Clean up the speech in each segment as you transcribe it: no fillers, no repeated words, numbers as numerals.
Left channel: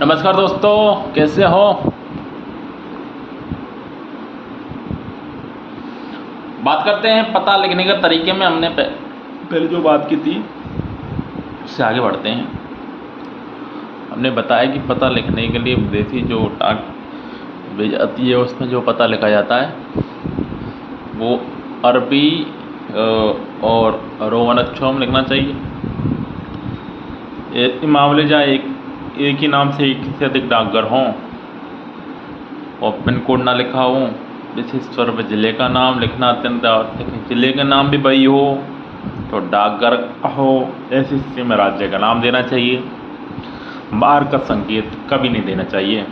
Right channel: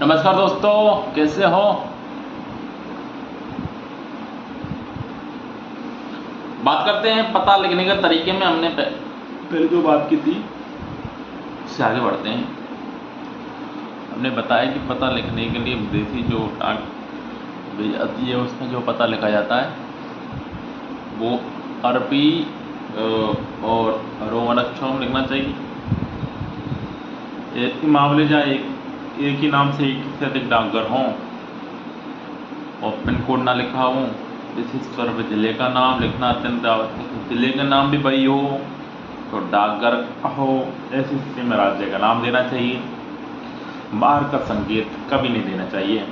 नमस्कार दोस्तों, कैसे हो। बात करते हैं पता लिखने के तरीके में। हमने पहले जो बात की थी उससे आगे बढ़ते हैं। हमने बताया कि पता लिखने के लिए विदेशी जो डाक भेजी जाती है उसमें जो पता लिखा जाता है वो अरबी और रोमन अक्षरों में लिखना चाहिए। ऐसे मामले जहाँ एक ही नाम से एक से अधिक डाकघर हों और पिन कोड ना लिखा हो, विशेष तौर पर जिले का नाम लिखना अत्यंत आवश्यक है। जिले का नाम भी वही हो तो डाकघर हो, ऐसी स्थिति में राज्य का नाम देना चाहिए। बाहर का संकेत कभी नहीं देना चाहिए।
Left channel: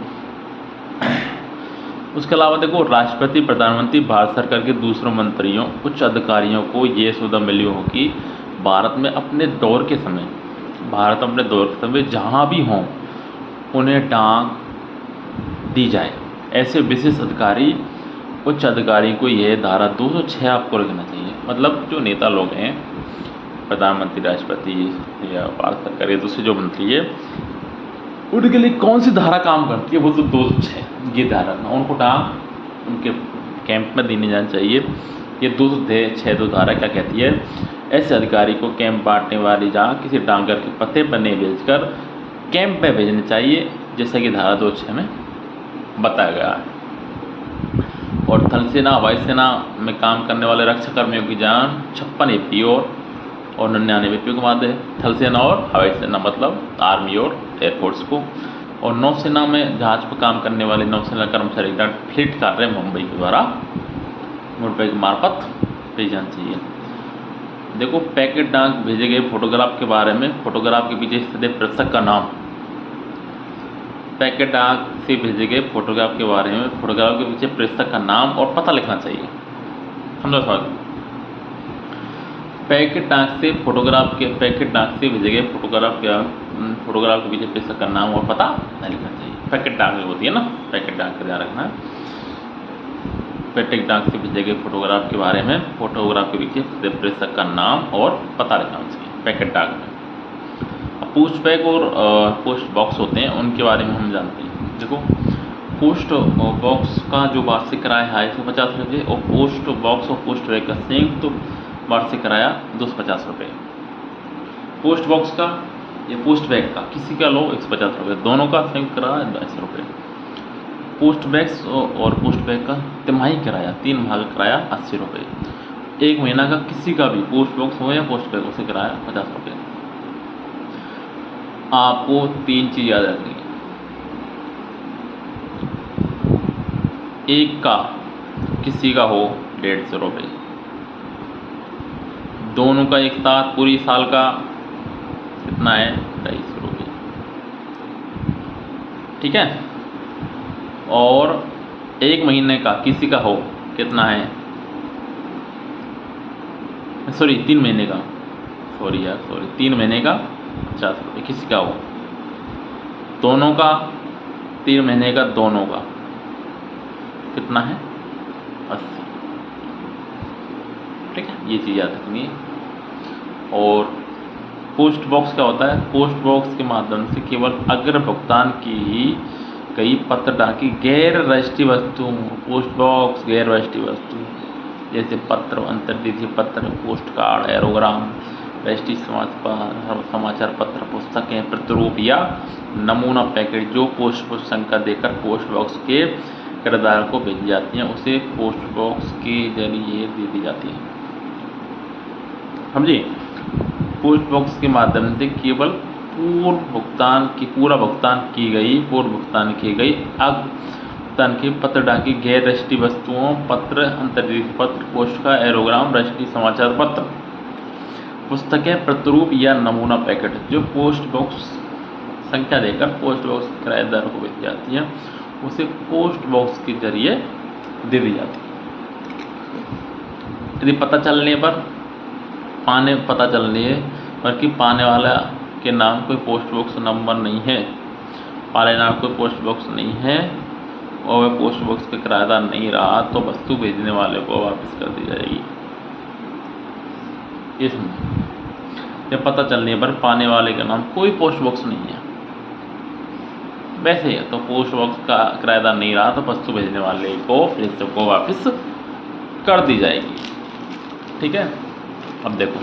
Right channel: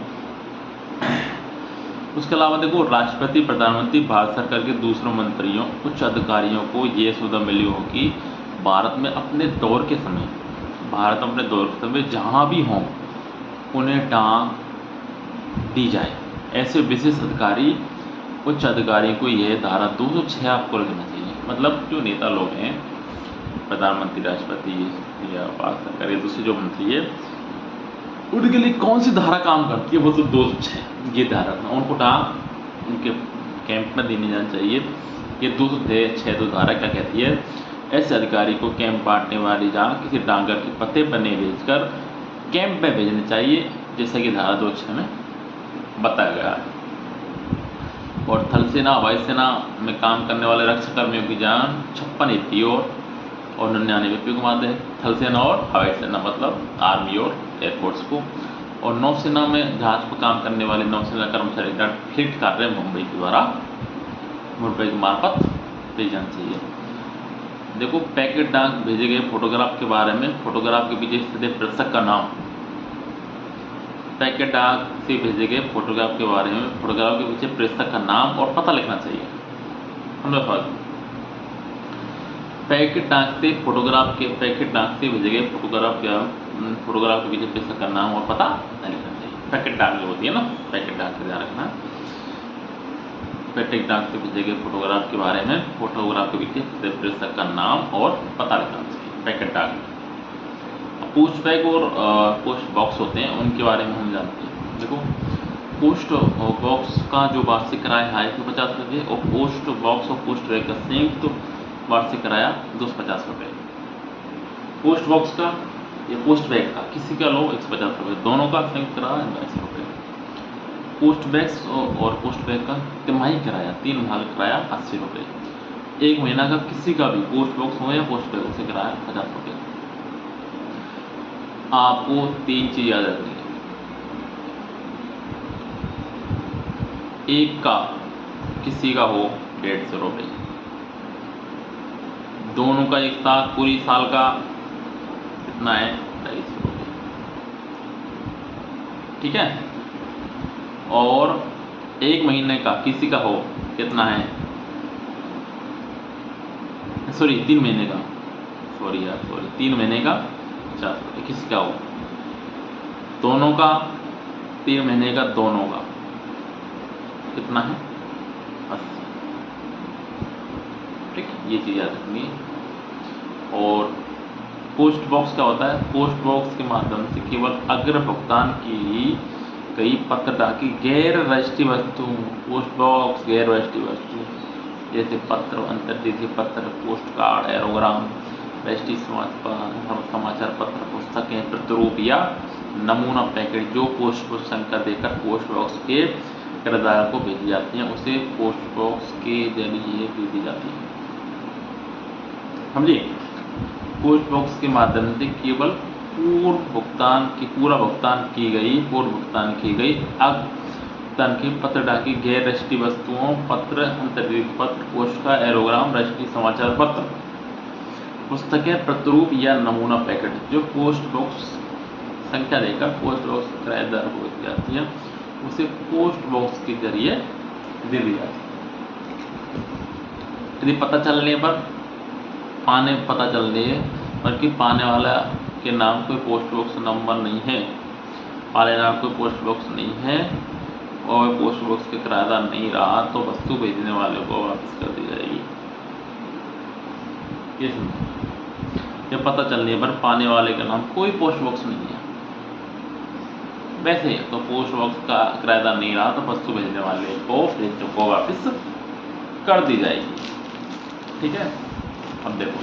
उसके अलावा देखो, राष्ट्रपति, प्रधानमंत्री, भारत सरकार के दूसरे मंत्रियों, उच्च अधिकारियों को ये सुविधा मिली हो कि भारत में अपने दौरे के समय जहाँ भी हों उन्हें डाक दी जाए। ऐसे विशेष अधिकारी, उच्च अधिकारी को यह धारा 206 आपको रखना चाहिए। मतलब जो नेता लोग हैं, प्रधानमंत्री, राष्ट्रपति या भारत सरकार के दूसरे जो मंत्री है, उनके लिए कौन सी धारा काम करती है वो तो 206 ये धारा था। उनको डाक उनके कैंप में देने जाना चाहिए। ये 206 धारा क्या कहती है, ऐसे अधिकारी को कैंप बांटने वाली जहाँ किसी डाकघर के पते पर नहीं भेजकर कैंप में भेजनी चाहिए, जैसा कि धारा 206 में बताया गया। और थल सेना, हवाई सेना में काम करने वाले रक्षाकर्मियों की जान 56 एपीओ और 99 एपीओ को माध्य है। थल सेना और हवाई सेना मतलब आर्मी और एयरफोर्स को। और नौसेना में जहाज पर काम करने वाले नौसेना कर्मचारी का फ्लीट कार्य मुंबई के मार्फत भेजना चाहिए। देखो, पैकेट डाक भेजे गए फोटोग्राफ के बारे में, फोटोग्राफ के पीछे स्थित प्रेषक का नाम। पैकेट डाक से भेजे गए फोटोग्राफ के बारे में फोटोग्राफ के पीछे प्रेषक का नाम और पता लिखना चाहिए। पैकेट डाक से भेजे गए फोटोग्राफ के पीछे प्रेषक का नाम और पता नहीं लिखना चाहिए। पैकेट डाक होती है ना, पैकेट डाक का ध्यान रखना। पैकेट डाक से भेजे गए फोटोग्राफ के बारे में फोटोग्राफ के पीछे प्रेषक का नाम और पता लिखना चाहिए पैकेट डाक में। पोस्ट बैग और पोस्ट बॉक्स होते हैं, उनके बारे में हम जानते हैं। देखो, पोस्ट बॉक्स का जो वार्षिक किराया है 150 रुपये और पोस्ट बॉक्स और पोस्ट बैग का संयुक्त तो वार्षिक किराया 250 रुपये। पोस्ट बॉक्स का या पोस्ट बैग का किसी का लो 150 रुपये, दोनों का संयुक्त किराया 82 रुपये। पोस्ट बैग्स और पोस्ट बैग का तिमाही किराया 3 माह किराया 80 रुपये। 1 महीना का किसी का भी पोस्ट बॉक्स हो या पोस्ट बैग उसका किराया 50 रुपये। आपको 3 चीज़ याद रखनी है। एक का किसी का हो 150 रुपये, दोनों का एक साथ पूरी साल का कितना है 250 रुपये, ठीक है। और 1 महीने का किसी का हो कितना है, 3 महीने का 3 महीने का 50 रुपये किसी का हो, दोनों का 3 महीने का दोनों का कितना है 80, ठीक है। ये चीज़ याद रखनी है। और पोस्ट बॉक्स क्या होता है, पोस्ट बॉक्स के माध्यम से केवल अग्र भुगतान की गई पत्र डाकी गैर राष्ट्रीय वस्तु, पोस्ट बॉक्स गैर राष्ट्रीय वस्तु जैसे पत्र, अंतर्देशीय पत्र, पोस्ट कार्ड, एरोग्राम, राष्ट्रीय समाचार पत्र, पुस्तकें, प्रतिरूप या नमूना पैकेट जो पोस्ट संख्या देकर पोस्ट बॉक्स के किराएदार को भेजी जाती हैं उसे पोस्ट बॉक्स के जरिए दे दी जाती है, समझिए। पोस्ट बॉक्स के माध्यम से केवल पूर्व भुगतान की गई भुगतान की पत्र डाकी गैर राष्ट्रीय वस्तुओं, पत्र, अंतर्देशीय पत्र, पोस्ट का एरोग्राम, राष्ट्रीय समाचार पत्र, पुस्तकें, प्रतिरूप या नमूना पैकेट जो पोस्ट बॉक्स संख्या देकर पोस्ट बॉक्स किराएदार को भेजी जाती है उसे पोस्ट बॉक्स के जरिए दे दी जाती है। यदि पता चलने पर पाने वाला के नाम कोई पोस्ट बॉक्स नंबर नहीं है, पाले नाम कोई पोस्ट बॉक्स नहीं है और पोस्ट बॉक्स का किराएदार नहीं रहा तो वस्तु भेजने वाले को वापस कर दी जाएगी। जब पता चलने पर पाने वाले का नाम कोई पोस्ट बॉक्स नहीं है वैसे तो पोस्ट बॉक्स का किराएदार नहीं रहा तो वस्तु भेजने वाले को प्रेषक को वापस कर दी जाएगी। ठीक है, अब देखो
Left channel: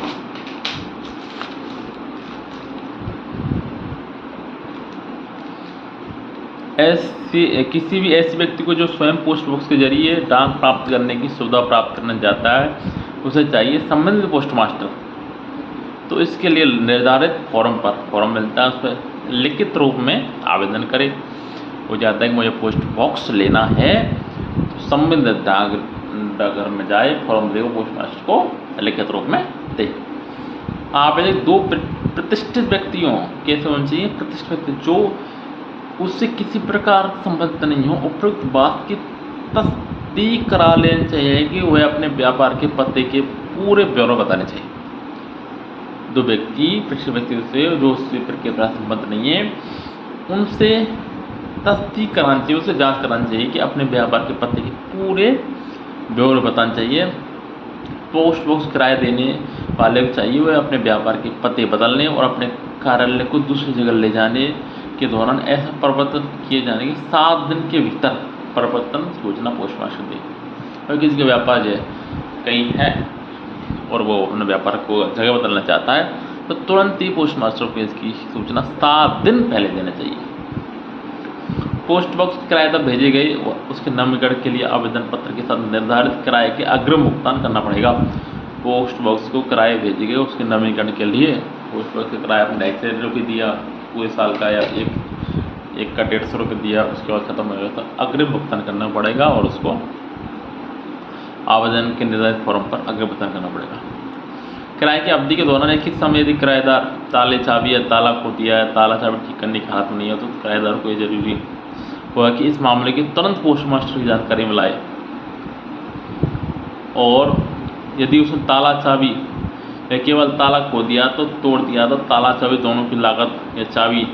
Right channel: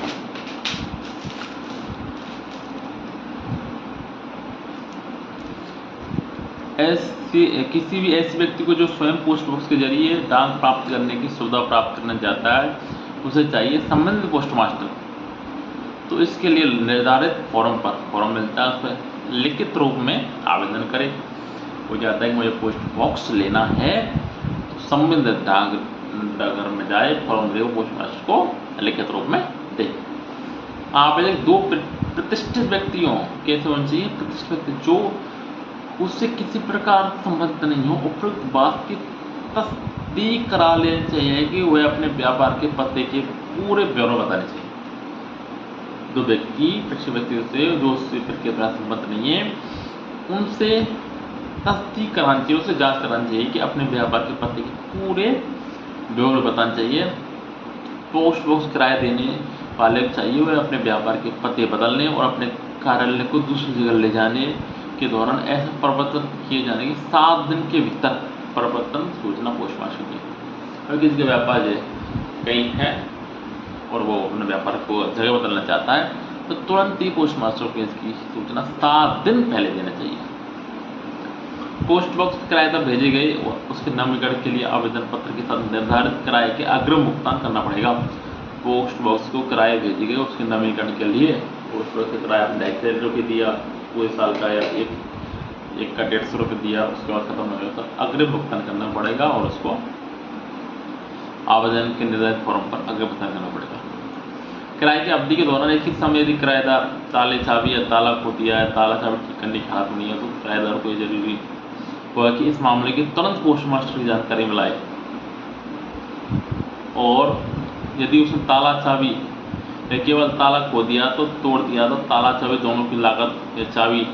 किसी भी ऐसे व्यक्ति को जो स्वयं पोस्ट बॉक्स के जरिए डाक प्राप्त करने की सुविधा प्राप्त करना चाहता है, उसे चाहिए संबंधित पोस्ट मास्टर। तो इसके लिए निर्धारित फॉर्म मिलता है, उस पर लिखित रूप में आवेदन करें। वो चाहता है कि मुझे पोस्ट बॉक्स लेना है, तो संबंधित डाकघर में जाए, फॉर्म दे, पोस्ट मास्टर को लिखित रूप में दे। आवेदक 2 प्रतिष्ठित व्यक्तियों कैसे होने चाहिए? प्रतिष्ठित व्यक्ति जो उससे किसी प्रकार संबंध नहीं हो, उपयुक्त बात की तस्दीक करा लेनी चाहिए कि वह अपने व्यापार के पते के पूरे ब्यौरे बताने चाहिए। 2 व्यक्ति प्रतिष्ठित व्यक्ति से जो उससे के पास संबंध नहीं है, उनसे तस्दीक करानी चाहिए, उससे जांच करानी चाहिए कि अपने व्यापार के पते के पूरे ब्यौरे बताने चाहिए। पोस्ट बॉक्स किराया देने वाले को चाहिए वह अपने व्यापार के पते बदलने और अपने कार्यालय को दूसरी जगह ले जाने के दौरान ऐसा परिवर्तन किए जाने की 7 दिन के भीतर परिवर्तन सूचना पोस्ट मास्टर दी। अगर किसी का व्यापार है कहीं है और वो अपने व्यापार को जगह बदलना चाहता है, तो तुरंत ही पोस्ट मास्टर को इसकी सूचना 7 दिन पहले देना चाहिए। पोस्ट बॉक्स किराएदार भेजे गए उसके नवीनीकरण के लिए आवेदन पत्र के साथ निर्धारित किराए के अग्रिम भुगतान करना पड़ेगा। पोस्ट बॉक्स को किराए भेजे गए उसके नवीनीकरण के लिए पोस्ट बॉक्स का किराया आपने 150 रुपये दिया पूरे साल का, या एक का 150 रुपये दिया, उसके बाद खत्म हो गया, तो अग्रिम भुगतान करना पड़ेगा और उसको आवेदन के निर्धारित फॉर्म पर अग्रिम भुगतान करना पड़ेगा। किराए की अवधि के दौरान एक ही समय यदि किराएदार ताले चाबी या ताला खो दिया है, ताला चाबी ठीक करने की हालत में नहीं है, तो किराएदार को ये जरूरी हुआ कि इस मामले की तुरंत पोस्ट मास्टर की जानकारी में लाए। और यदि उसने ताला चाबी या केवल ताला खो दिया तो तोड़ दिया, तो ताला चाबी दोनों की लागत, या चाबी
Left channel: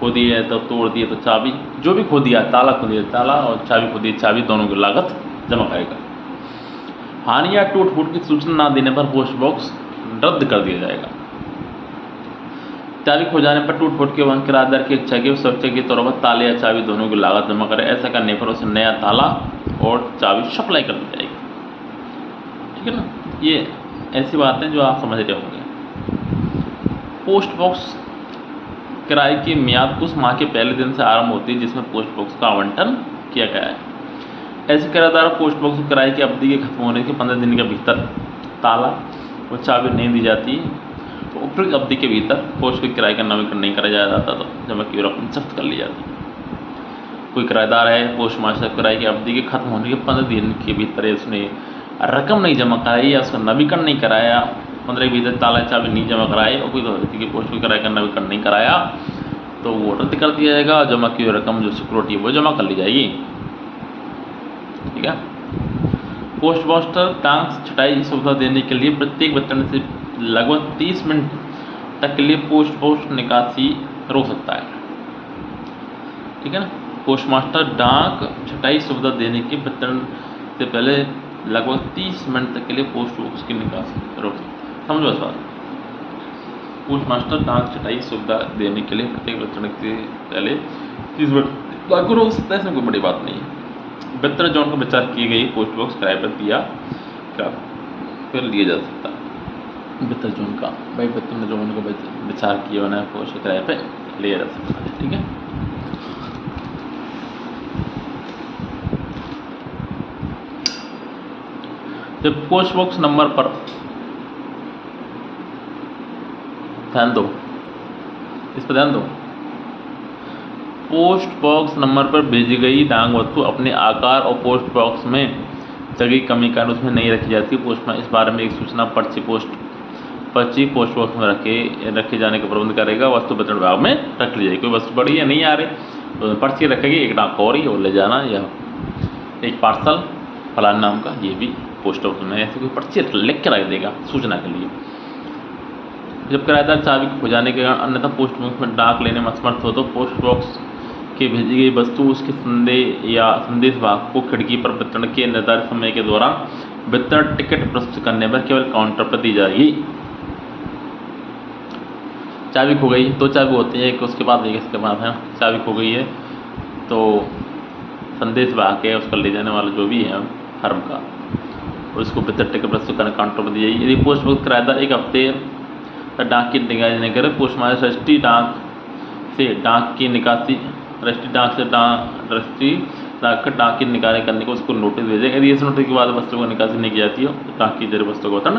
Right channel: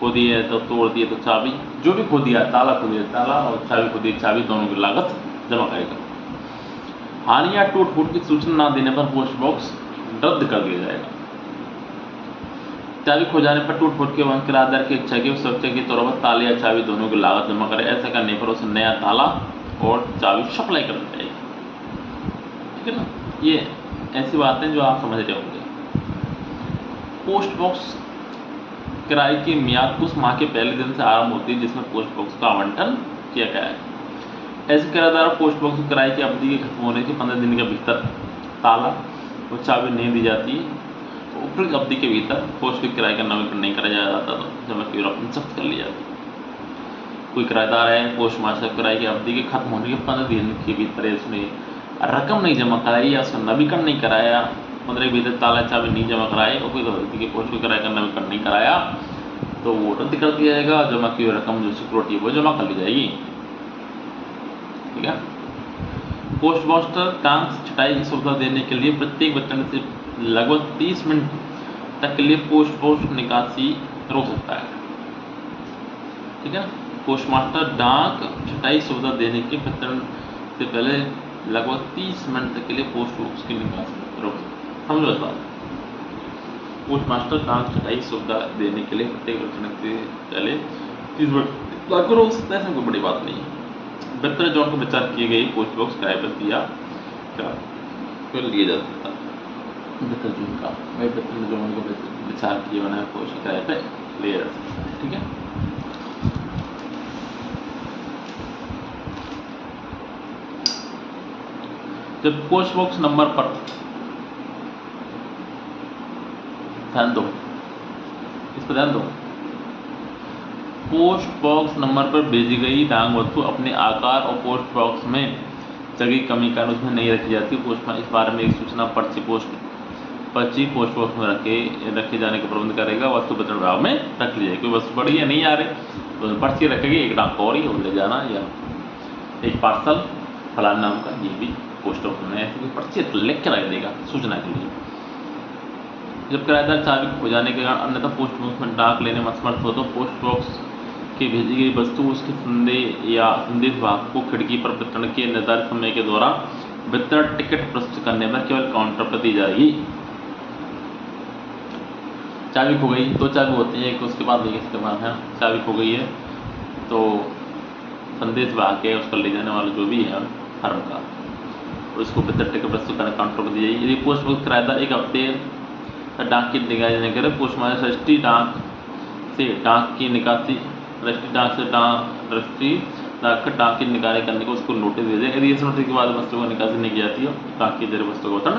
खो दी है तो तोड़ दिए तो चाबी, जो भी खो दिया, ताला खो दिया ताला और चाबी खो दी चाबी, दोनों की लागत जमा करेगा। हानि या टूट फूट की सूचना न देने पर पोस्ट बॉक्स रद्द कर दिया जाएगा। चाबी खो जाने पर टूट फूट के वहन किराएदार की इच्छा की सुरक्षा के तौर पर ताले या चाबी दोनों की लागत जमा करे। ऐसा करने पर उसे नया ताला और चाबी सप्लाई कर दी जाएगी। ठीक है ना, ये ऐसी बातें जो आप समझ रहे होंगे। पोस्ट बॉक्स किराए की मियाद उस माह के पहले दिन से आरंभ होती है जिसमें पोस्ट बॉक्स का आवंटन किया गया है। ऐसे किराएदार पोस्ट बॉक्स किराए की अवधि के खत्म होने के 15 दिन के भीतर ताला और चाबी नहीं दी जाती, तो उपयुक्त अवधि के भीतर पोस्ट के किराए का नवीनीकरण नहीं कराया जाता, तो जमा की रकम जब्त कर ली जाती। कोई किराएदार है, पोस्ट मास्टर किराए की अवधि के खत्म होने के 15 दिन के भीतर उसने रकम नहीं जमा कराई या उसका नवीनीकरण नहीं कराया, 15 के भीतर ताला चाबी नहीं जमा कराए और कोई व्यक्ति के पोस्ट के किराए का नवीनीकरण नहीं कराया, तो वो रद्द कर दिया जाएगा। जमा की रकम जो सिक्योरिटी है वो जमा कर ली जाएगी। ठीक है। पोस्ट मास्टर टांग छटाई सुविधा देने के लिए प्रत्येक वेतन से लगभग 30 मिनट तक के लिए पोस्ट बॉक्स निकासी रोक सकता है। ठीक है ना, पोस्ट मास्टर डाक छटाई सुविधा देने के वेतन से पहले लगभग 30 मिनट तक के लिए पोस्ट बॉक्स की निकासी रोक, समझो सर। पोस्ट मास्टर डाक छटाई सुविधा देने के लिए प्रत्येक वेतन से पहले 30 मिनट लागू रोक सकता है, इसमें कोई बड़ी बात नहीं है। बेहतर जोन को विचार की गई पोस्ट बॉक्स किराए पर दिया फिर लिया जा सकता है। बेहतर जोन का बेहतर जोन को विचार किए बना पोस्ट किराए पे लिया जा सकता है। ठीक है। जब पोस्ट बॉक्स नंबर पर ध्यान दो, इस पर ध्यान दो। पोस्ट बॉक्स नंबर पर भेजी गई डाक वस्तु अपने आकार और पोस्ट बॉक्स में जगह की कमी के कारण उसमें नहीं रखी जाती। पोस्ट में इस बारे में एक सूचना पर्ची पोस्ट बॉक्स में रखे जाने का प्रबंध करेगा। वस्तु वितरण विभाग में रख ली जाएगी। कोई वस्तु बड़ी है नहीं आ रही तो पर्ची रखेगी, एक डाक और ही और ले जाना, या एक पार्सल फलाना नाम का, ये भी पोस्ट ऑफिस में ऐसे कोई पर्ची लिख के रख देगा सूचना के लिए। जब किराएदार चाबी खो जाने के कारण अन्यथा पोस्ट बॉक्स में डाक लेने में असमर्थ हो तो पोस्ट बॉक्स की भेजी गई वस्तु उसके संदेश वाहक को खिड़की पर वितरण के निर्धारित समय के दौरान वितरण टिकट प्रस्तुत करने पर केवल काउंटर पर दी जाएगी। चाबी खो गई, 2 चाबी होती हैं, एक उसके बाद एक इसके बाद है। चाबी खो गई है तो संदेश बहा के उसका ले जाने वाला जो भी है फर्म का, उसको बेहतर टिकट से काउंटर दी जाएगी। यदि पोस्ट बॉक्स किराएदार 1 हफ्ते डाक की निकासी न करे, पोस्ट मास्टर रजिस्ट्री डाक से डाक की निकासी रजिस्ट्री डाक डाक की निकासी करने को उसको नोटिस दे देगा। यदि इस नोटिस के बाद वस्तुओं की निकासी नहीं की जाती हो तो डाक की जरिए वस्तु को वितरण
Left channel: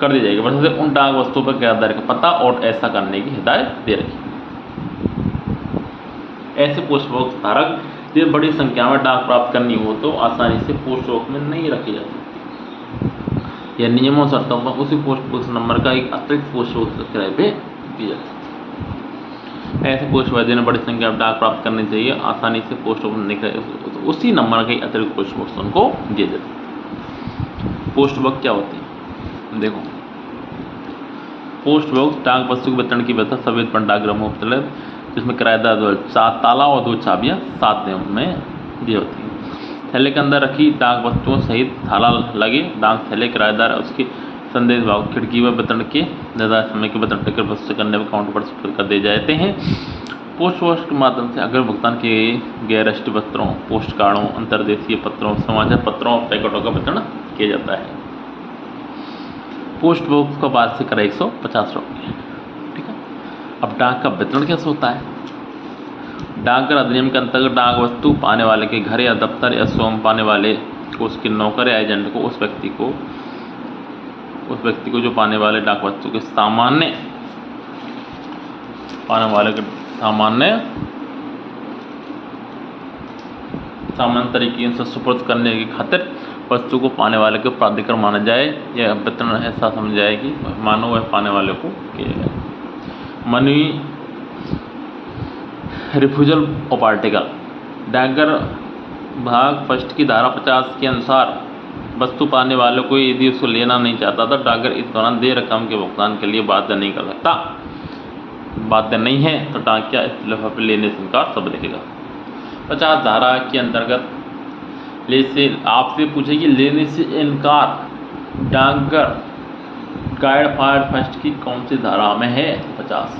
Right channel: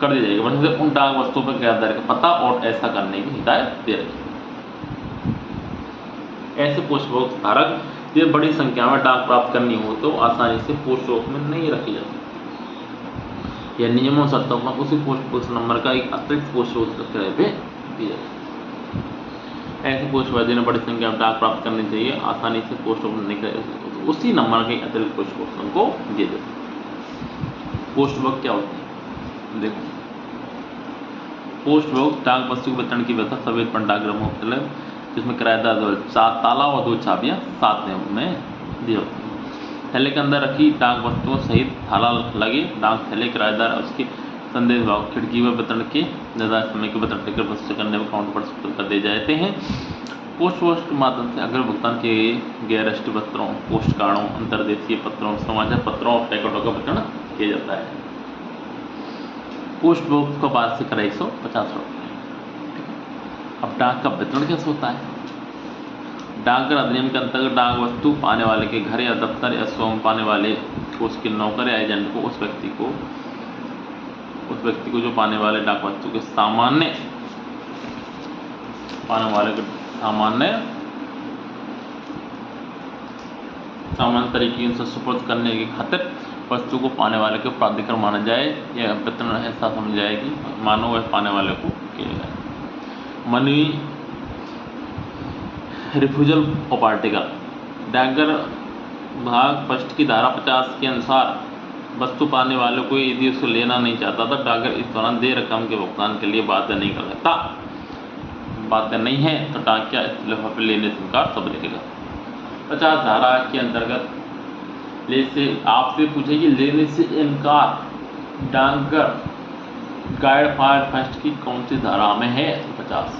कर दी जाएगी। वैसे उन डाक वस्तुओं पर किराएदार का पता और ऐसा करने की हिदायत दे रही। ऐसे पोस्ट बॉक्स धारक यदि बड़ी संख्या में डाक प्राप्त करनी हो तो आसानी से पोस्ट बॉक्स में नहीं रखी जा सकती। यह नियमों शर्तों पर उसी पोस्ट बॉक्स नंबर का एक अतिरिक्त पोस्ट बॉक्स किराए पे दी जा सकती है। ऐसे पोस्ट बॉक्स ने बड़ी संख्या में डाक प्राप्त करनी चाहिए, आसानी से पोस्ट बॉक्स उसी नंबर के अतिरिक्त पोस्ट बॉक्स उनको दिए जाते हैं। पोस्ट बॉक्स क्या होते हैं देखो, पोस्ट बॉक्स डाक वस्तु के वितरण की व्यवस्था सफेद पर डाकघरों में उपलब्ध, जिसमें किराएदार 4 ताला और 2 चाबियाँ 7 दिन में दी होती हैं। थैले के अंदर रखी डाक वस्तुओं सहित ताला लगे डाक थैले किराएदार उसकी संदेश भाग खिड़की व वितरण के निर्धारित समय के वितरण टिकट वस्तु करने पर काउंटर पर सुपुर्द कर दिए जाते हैं। पोस्ट बॉक्स के माध्यम से अगर भुगतान किए गए राष्ट्रीय पत्रों, पोस्ट कार्डों, अंतर्देशीय पत्रों, समाचार पत्रों और पैकेटों का वितरण किया जाता है। पोस्ट बॉक्स का वार्षिक कर 150 रुपये। ठीक है, अब डाक का वितरण कैसे होता है? डाकघर अधिनियम के अंतर्गत डाक वस्तु पाने वाले के घर या दफ्तर या स्वयं पाने वाले को उसके नौकर या एजेंट को उस व्यक्ति को जो पाने वाले डाक वस्तु के सामान्य तरीके से सुपुर्द करने की खातिर वस्तु को पाने वाले को प्राधिकार माना जाए या वितरण ऐसा समझ जाए कि मानो वह पाने वाले को किया जाए। मनी रिफ्यूजल ऑफ आर्टिकल, डाकघर भाग फर्स्ट की धारा 50 के अनुसार वस्तु पाने वालों को यदि उसको लेना नहीं चाहता तो डाकघर इस दौरान देय रकम के भुगतान के लिए बाध्य नहीं कर सकता। बाध्य नहीं है तो डाकिया इस लिफाफे लेने से इनकार सब दे देगा। 50 धारा के अंतर्गत आपसे पूछेगी लेने से इनकार डाकघर गाइड फायर फर्स्ट की कौन सी धारा में है? 50।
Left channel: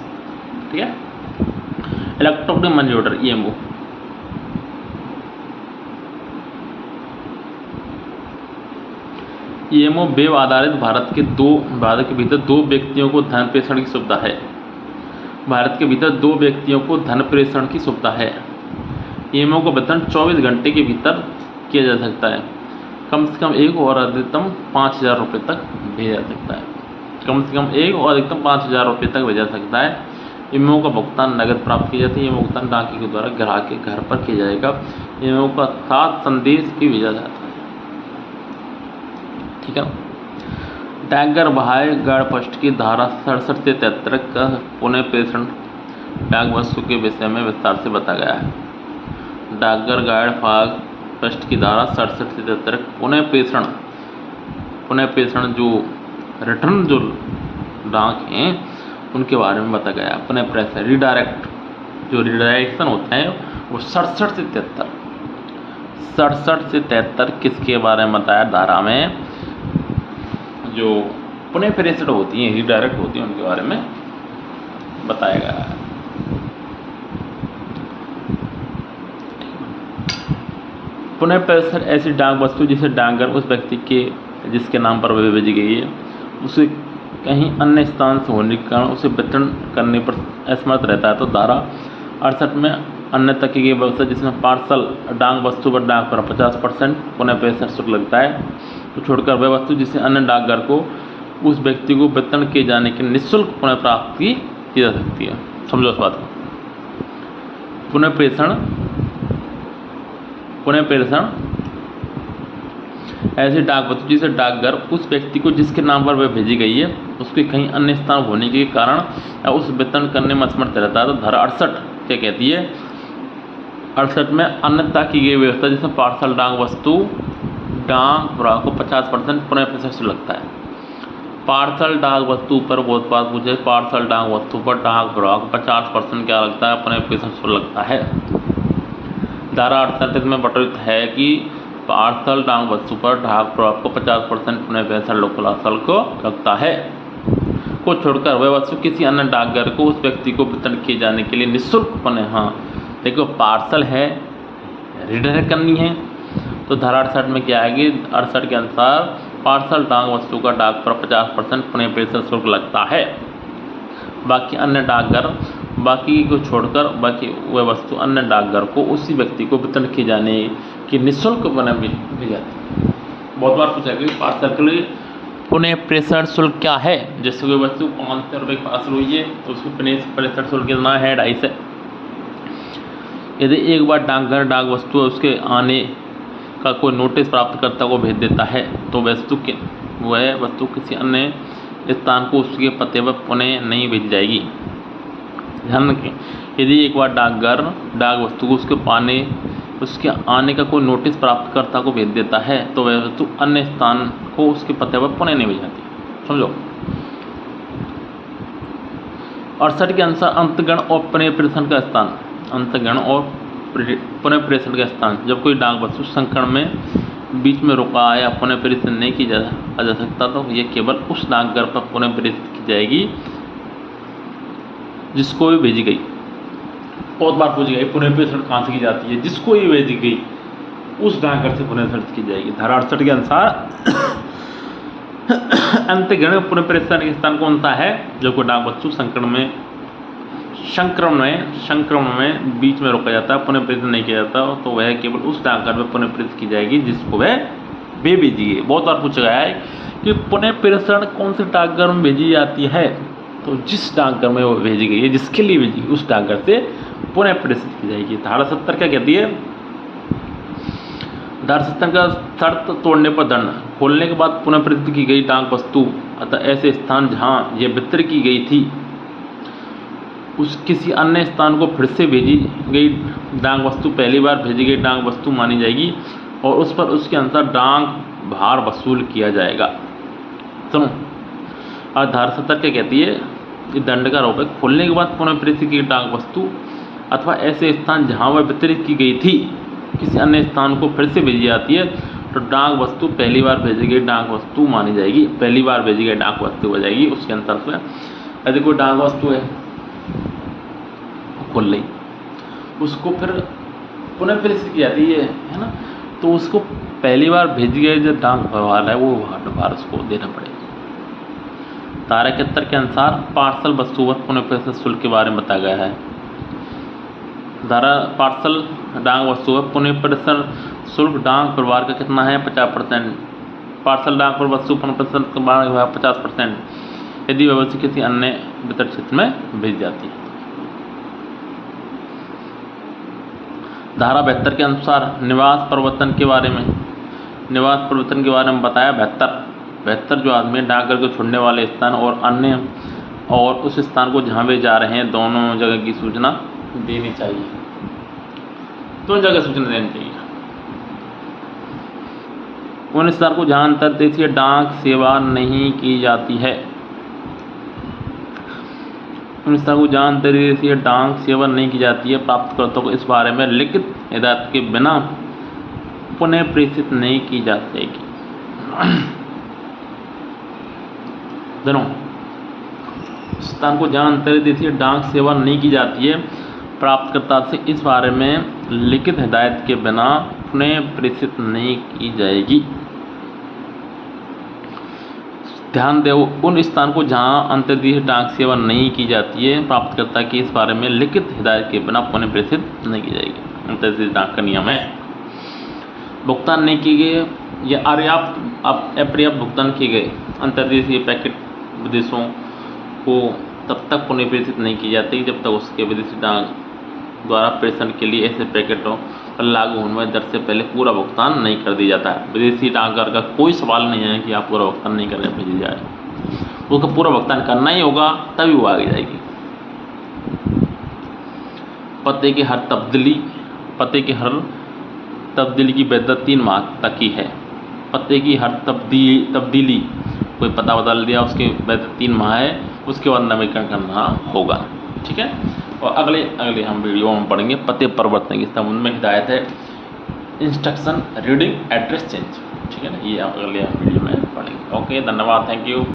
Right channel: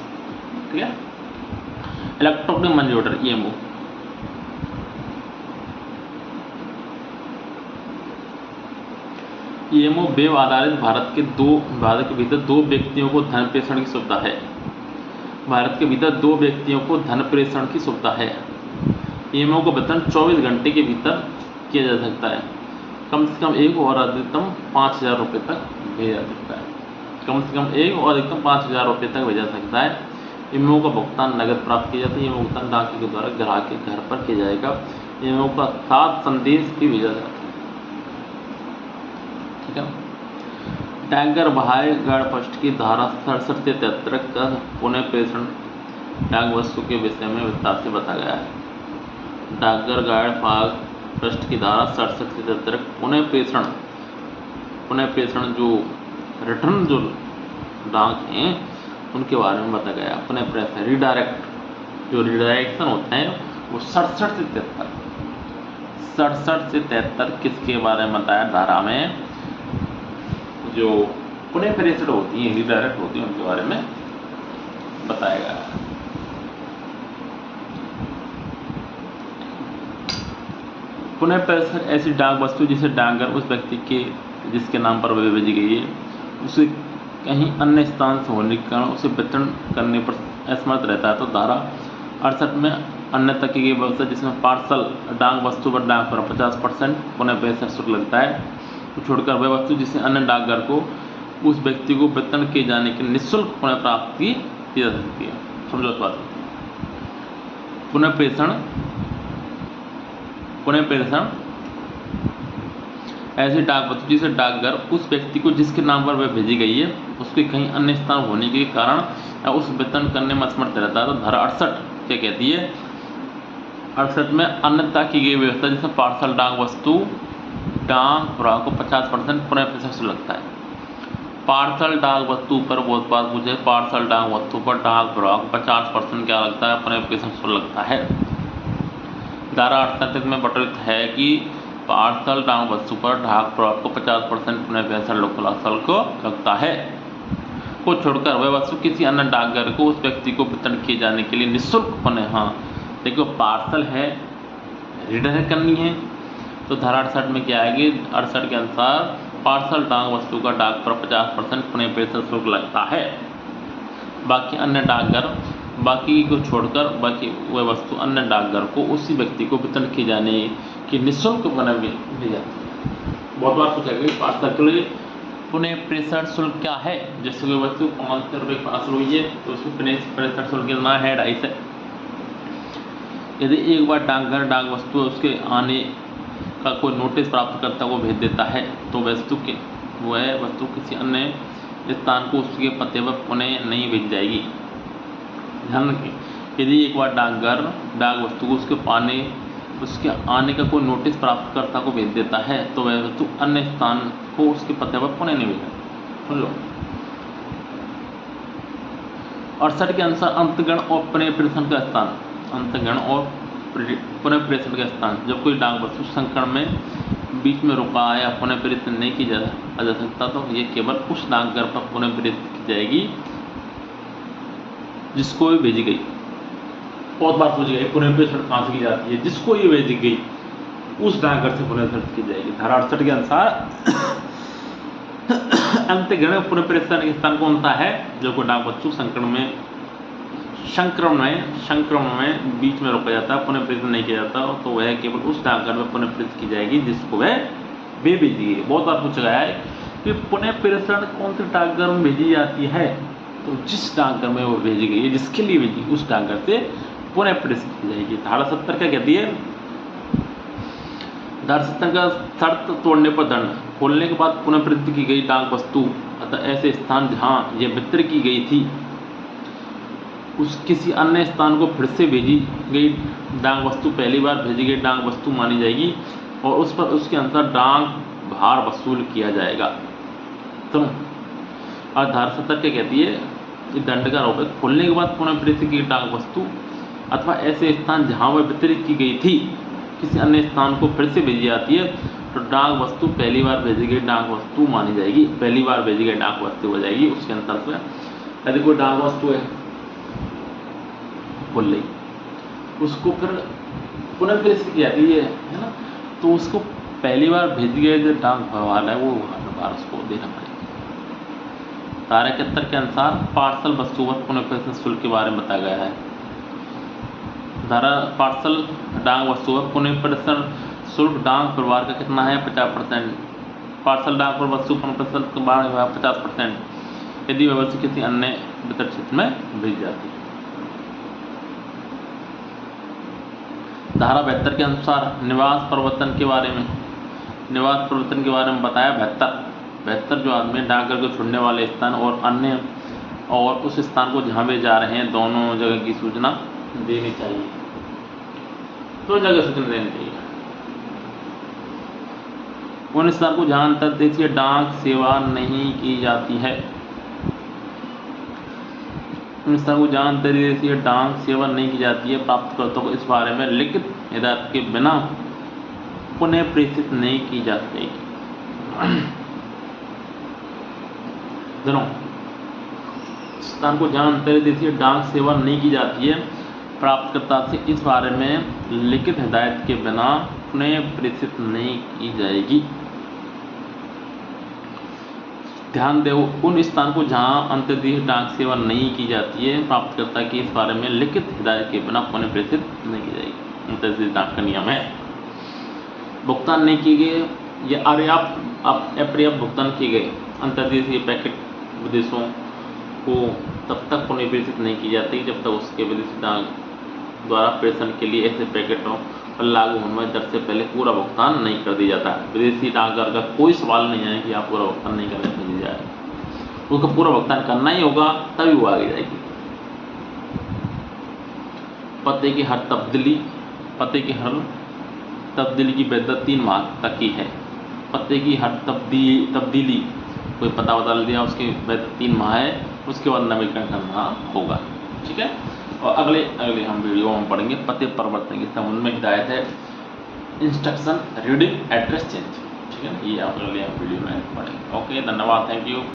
ठीक है, electronic money order EMO, EMO web आधारित भारत के भीतर 2 व्यक्तियों को धन प्रेषण की सुविधा है। भारत के भीतर 2 व्यक्तियों को धन प्रेषण की सुविधा है। EMO को वितरण 24 घंटे के भीतर किया जा सकता है। कम से कम एक और अधिकतम 5,000 रुपये तक भेजा जा सकता है। कम से कम एक और अधिकतम 5,000 रुपये तक भेजा जा सकता है। EMO का भुगतान नगद प्राप्त किया जाता है। EMO भुगतान डाकिया के द्वारा ग्राहक के घर पर किया जाएगा। EMO का साथ संदेश भी भेजा जाता है। ठीक है, डाकघर बाह्य गार्ड फर्स्ट की धारा 67 से 73 का पुनः प्रेषण डाक वस्तु के विषय में विस्तार से बताया गया है। डाकघर गार्ड भाग फर्स्ट की धारा 67 से 73 पुनः प्रेषण जो रिटर्न जो डाक हैं उनके बारे में बताया गया। पुनः प्रेषण रिडायरेक्शन होता है वो 67 से 73 किसके बारे में बताया? धारा में जो पुनः प्रेषण होती हैं, रिडायरेक्ट होती हैं, उनके बारे में बताया गया है। पुनः प्रेषण ऐसी डाक वस्तु जिसे डाकघर उस व्यक्ति के जिसके नाम पर भेजी गई है उसे कहीं अन्य स्थान से होने के कारण उसे वितरण करने पर असमर्थ रहता है तो धारा 68 में अन्य तक की व्यवस्था जिसमें पार्सल डाक वस्तु पर डाक पर 50% पुनः प्रेषण शुल्क लगता है तो छोड़कर वह वस्तु जिसे अन्य डाकघर को उस व्यक्ति को वितरण किए जाने की निःशुल्क पुनः प्राप्ति की जा सकती है। समझो इस बात को। पुनः प्रेषण ऐसी डाक वस्तु जिसे डाकघर उस व्यक्ति को जिसके नाम पर वह भेजी गई है उसके कहीं अन्य स्थान होने के कारण या उस वितरण करने में असमर्थ रहता है तो धारा 68 क्या कहती है? 68 में अन्यथा की गई व्यवस्था जिसमें पार्सल डाक वस्तु डाक ग्राहक को 50% पुनः प्रेषण शुल्क लगता है। पार्सल डाक वस्तु पर बहुत बात पूछे, पार्सल डाक वस्तु पर डाक ग्राहक 50% क्या लगता है? पुनः प्रेषण शुल्क लगता है। धारा 38 में वर्णित है कि पार्सल डाक वस्तु पर डाक ग्राहक को 50% पुनः प्रेषण शुल्क लगता है। को छोड़कर वह वस्तु किसी अन्य डाकघर को उस व्यक्ति को वितरण किए जाने के लिए निःशुल्क बने। हाँ देखो पार्सल है, रिडायरेक्ट करनी है, तो धारा 68 में क्या आएगी, 68 के अनुसार पार्सल डाक वस्तु का डाक पर 50% पुनः प्रेषण शुल्क लगता है। बाकी अन्य डाकघर बाकी को छोड़कर बाकी वह वस्तु अन्य डाकघर को उसी व्यक्ति को वितरण किए जाने की निःशुल्क बने दी जाती है। बहुत बार पूछा गया पार्सल के लिए पुनः प्रेषण शुल्क क्या है। जैसे कोई वस्तु 500 रुपये पार्सल हुई है तो उसको प्रेषण शुल्क कितना है, 250। यदि एक बार डाकघर डाक वस्तु उसके आने का कोई नोटिस प्राप्तकर्ता को भेज देता है तो वह वस्तु किसी अन्य स्थान को उसके पते पर पुनः नहीं भेजी जाएगी। ध्यान रखें, यदि एक बार डाकघर डाक वस्तु को उसके आने का कोई नोटिस प्राप्तकर्ता को भेज देता है तो वह वस्तु अन्य स्थान को उसके पते पर पुनः नहीं भेजी। समझो। 68 के अनुसार अंतगण और पुनः प्रेषण का स्थान, अंतगण और पुनः प्रेषण का स्थान, जब कोई डाक वस्तु संकरण में बीच में रुका या पुनः प्रेषित नहीं की जा सकता तो ये केवल उस डाकघर पर पुनः प्रेषित की जाएगी जिसको भी भेजी गई। बहुत बार पूछी गई पुनः प्रेषण कहाँ से की जाती है, जिसको भी भेजी गई उस डाकघर से पुनः प्रेषित की जाएगी। धारा 68 के अनुसार अंतगण पुनः प्रेषण का स्थान कौन सा है, जो कोई डाक वस्तु संक्रमण में बीच में रोका जाता है, पुनः प्रेषित नहीं किया जाता तो वह केवल उस डाकघर में पुनः प्रेषित की जाएगी जिसको वह भेजी गई। बहुत बार पूछा गया है कि पुनः प्रेषण कौन से डाकघर में भेजी जाती है, तो जिस डाकघर में वो भेजी गई है, जिसके लिए भेजी उस डाकघर से पुनः प्रेषित की जाएगी। धारा 70 क्या कहती है, धारा 70 का शर्त तोड़ने पर दंड, खोलने के बाद पुनः प्रेषित की गई डाक वस्तु अतः ऐसे स्थान जहाँ यह वितरित की गई थी उस किसी अन्य स्थान को फिर से भेजी गई डाक वस्तु पहली बार भेजी गई डाक वस्तु मानी जाएगी और उस पर उसके अनुसार डाक भार वसूल किया जाएगा। सुनो, और धारा 70 क्या कहती है, इस दंड का आरोप है खोलने के बाद पुनः प्रेषित की डाक वस्तु अथवा ऐसे स्थान जहाँ वह वितरित की गई थी किसी अन्य स्थान को फिर से भेजी जाती है तो डाक वस्तु पहली बार भेजी गई डाक वस्तु मानी जाएगी, पहली बार भेजी गई डाक वस्तु हो जाएगी। उसके अंतर से यदि कोई डाक वस्तु है खोल ली, उसको फिर पुनः प्रेषित की जाती है ना, तो उसको पहली बार भेजी गई जो डाक भरवाल है वो भार उसको देना पड़ेगा। धारा 71 के अनुसार पार्सल वस्तु पर पुनः प्रेषण शुल्क के बारे में बताया गया है। धारा पार्सल डाक वस्तु पर पुनः प्रेषण शुल्क डाक परिवार का कितना है, 50%। पार्सल डाक पर वस्तु पुनः प्रेषण के बाद 50% यदि वह वस्तु किसी अन्य वितरण क्षेत्र में भेज जाती है। धारा 72 के अनुसार निवास परिवर्तन के बारे में बताया। 72 जो आदमी डाकघर को छोड़ने वाले स्थान और उस स्थान को जहाँ वे जा रहे हैं दोनों जगह की सूचना देनी चाहिए, दोनों जगह सूचना देनी चाहिए। उन स्थान को जहाँ अंतर्देशीय डाक सेवा नहीं की जाती है, उन स्थान को जहाँ अंतर्देशीय डाक सेवा नहीं की जाती है प्राप्तकर्ता को इस बारे में लिखित हिदायत के बिना पुनः प्रेषित नहीं की जा सकेगी। दोनों स्थान को जहाँ अंतर्देशीय डाक सेवा नहीं की जाती है प्राप्तकर्ता से इस बारे में लिखित हिदायत के बिना पुनः प्रेषित नहीं की जाएगी। ध्यान दो, उन स्थान को जहाँ अंतर्देशीय डाक सेवा नहीं की जाती है प्राप्तकर्ता की इस बारे में लिखित हिदायत के बिना पुनः प्रेषित नहीं की जाएगी। अंतर्देशीय डाक का नियम है, भुगतान नहीं किए गए या अपर्याप्त भुगतान किए गए अंतर्देशीय पैकेट विदेशों को तब तक पुनः प्रेषित नहीं की जाती जब तक उसके विदेशी डाक द्वारा प्रेषण के लिए ऐसे पैकेटों पर लागू होने वाली दर से पहले पूरा भुगतान नहीं कर दिया जाता। विदेशी डाकघर का कोई सवाल नहीं है कि आप पूरा भुगतान नहीं करें भेजी जाए, उसको पूरा भुगतान करना ही होगा तभी वो आगे जाएगी। पते की हर तब्दीली की वैधता 3 माह तक की है। पते की हर तब्दीली कोई पता बदल दिया उसके वैधता 3 माह है, उसके बाद नवीनीकरण करना होगा। ठीक है, और अगले हम वीडियो में पढ़ेंगे पते परिवर्तन के संबंध में हिदायत है, इंस्ट्रक्शन रीडिंग एड्रेस चेंज। ठीक है ना, ये अगले वीडियो में पढ़ेंगे। ओके, धन्यवाद, थैंक यू।